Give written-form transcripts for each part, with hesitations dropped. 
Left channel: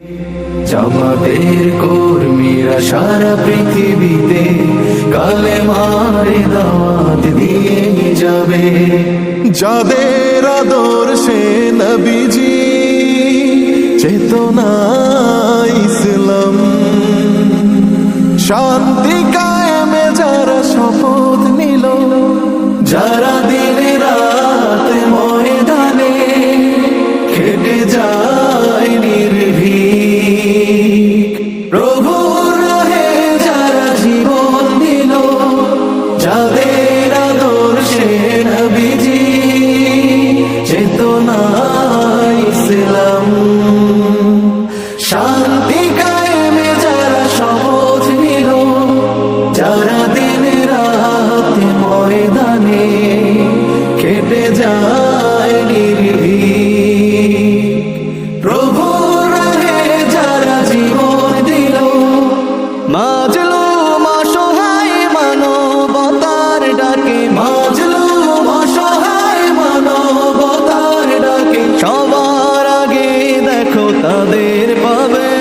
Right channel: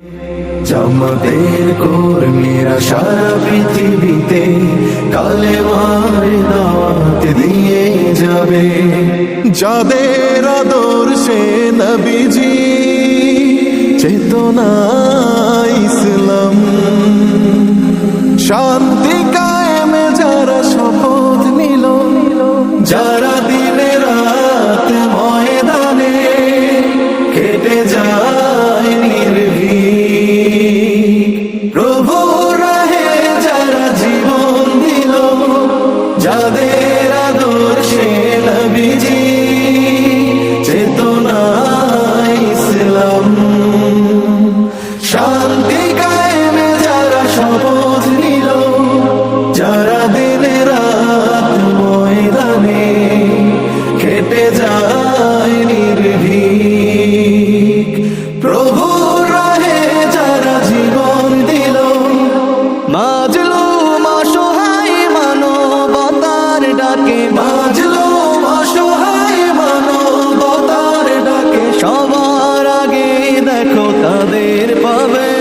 জামাতের কর্মীরা সারা পৃথিবীতে কালেমার দাওয়াত দিয়ে যাবে। যাদের আদর্শে নবীজি চেতনা ইসলাম, শান্তি কায়েমে যারা শপথ নিল, যারা দিনে রাত ময়দানে কেটে যায় নির্ভীক, প্রভুর রাহে যারা জীবন দিল, যাদের আদর্শে নবীজি চেতনা ইসলাম, শান্তি কায়েমে যারা শপথ নিল, যারা দিনে রাত ময়দানে কেটে যায় নির্ভীক, প্রভুর রাহে যারা জীবন দিল, মাজলুম অসহায় মানবতার ডাকে, মাজলুম অসহায় মানবতার ডাকে, সবার আগে দেখো তাদের পাবে।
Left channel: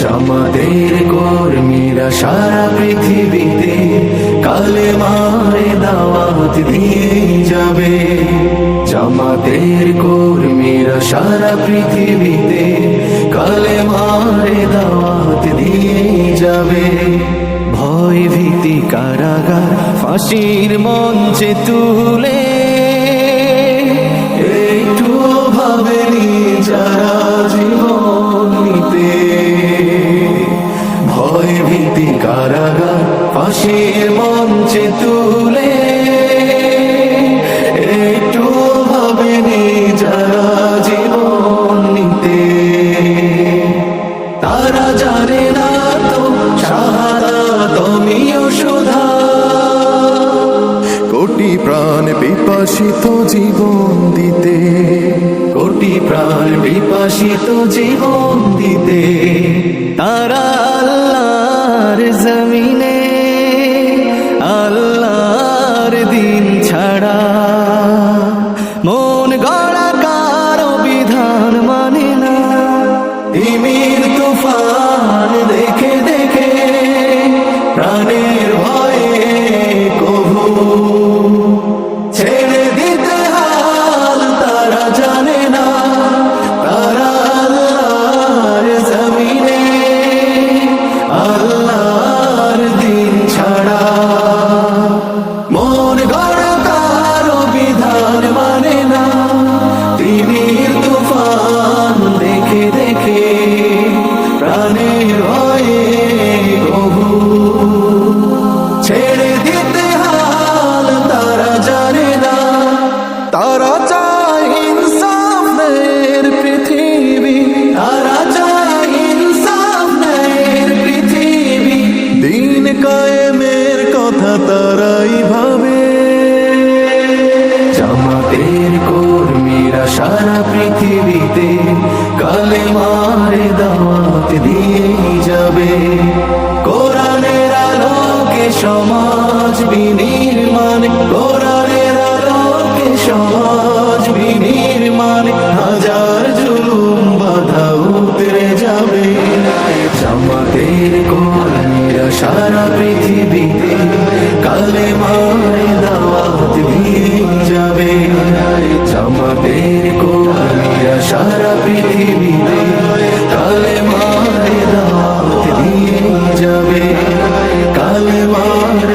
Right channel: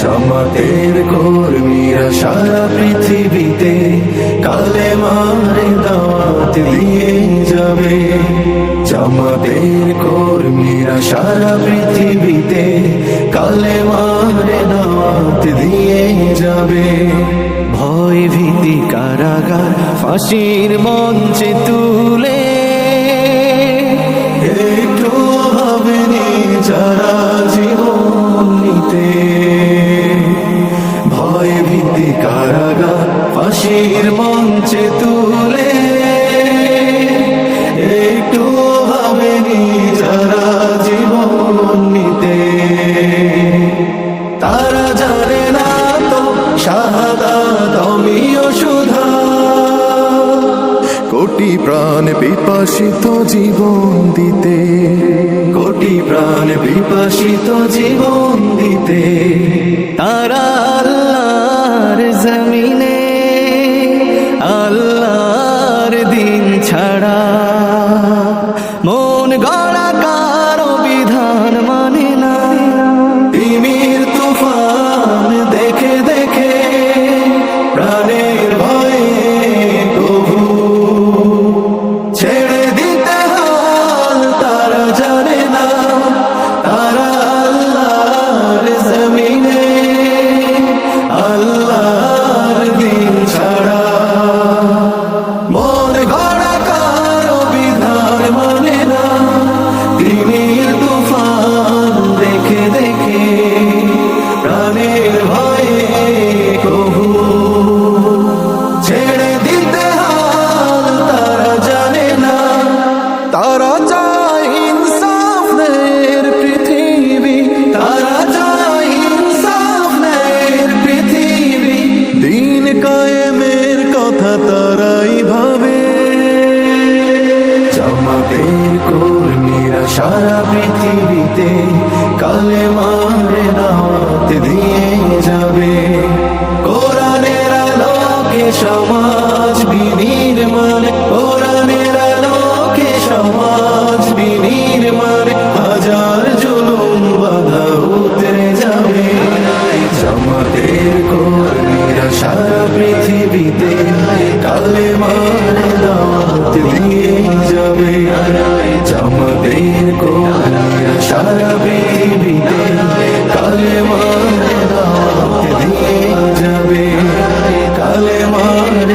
জামাতের কর্মীরা সারা পৃথিবীতে কালেমার দাওয়াত দিয়ে যাবে। জামাতের কর্মীরা সারা পৃথিবীতে কালেমার দাওয়াত দিয়ে যাবে। ভয় ভীতি কারাগার ফাঁসির মঞ্চে তুলে, একটু ভাবেনি যারা জীবন নিতে, ভয় ভীতি কারাগার ফাঁসির মঞ্চে তুলে, একটু ভাবেনি যারা জীবন নিতে, তারা জানে না তো শাহাদাত অমিয় সুধা। কোটি প্রাণ পিপাসিত জীবন দিতে, কোটি প্রাণ বিপাসিত জীবন দিতে, তারা আল্লাহর জমিনে আল্লাহর দিন ছাড়া মন গড়া কারো বিধান মানে না। তিমির তুফান দেখে দেখে প্রাণের ভয়ে কভু ছেড়ে দিতে হাল তারা জানে না, তারা আল্লাহর জমিনে আল্লাহর দিন ছাড়া মন গড়া কারো বিধান মানে না। তিমির তুফান দেখে দেখে প্রাণের ভয়ে কভু ছেড়ে দিতে হাল তারা জানে না, তারা চায় ইনসাফ ন্যায়ের পৃথিবী, তারা চায় ইনসাফ ন্যায়ের পৃথিবী, দিন কায়েমের কথা তারাই ভাবে। জামাতের কর্মীরা সারা পৃথিবীতে কালেমার দাওয়াত দিয়ে যাবে। কোরআনের আলোকে সমাজ বিনির্মাণ, কোরআনের আলোকে সমাজ বিনির্মাণ, হাজার জুলুম বাধা উতরে যাবে। জামাতের কর্মীরা সারা পৃথিবীতে কালেমার দাওয়াত দিয়ে যাবে। জামাতের কর্মীরা সারা পৃথিবীতে কালেমার দাওয়াত দিয়ে যাবে, কালেমার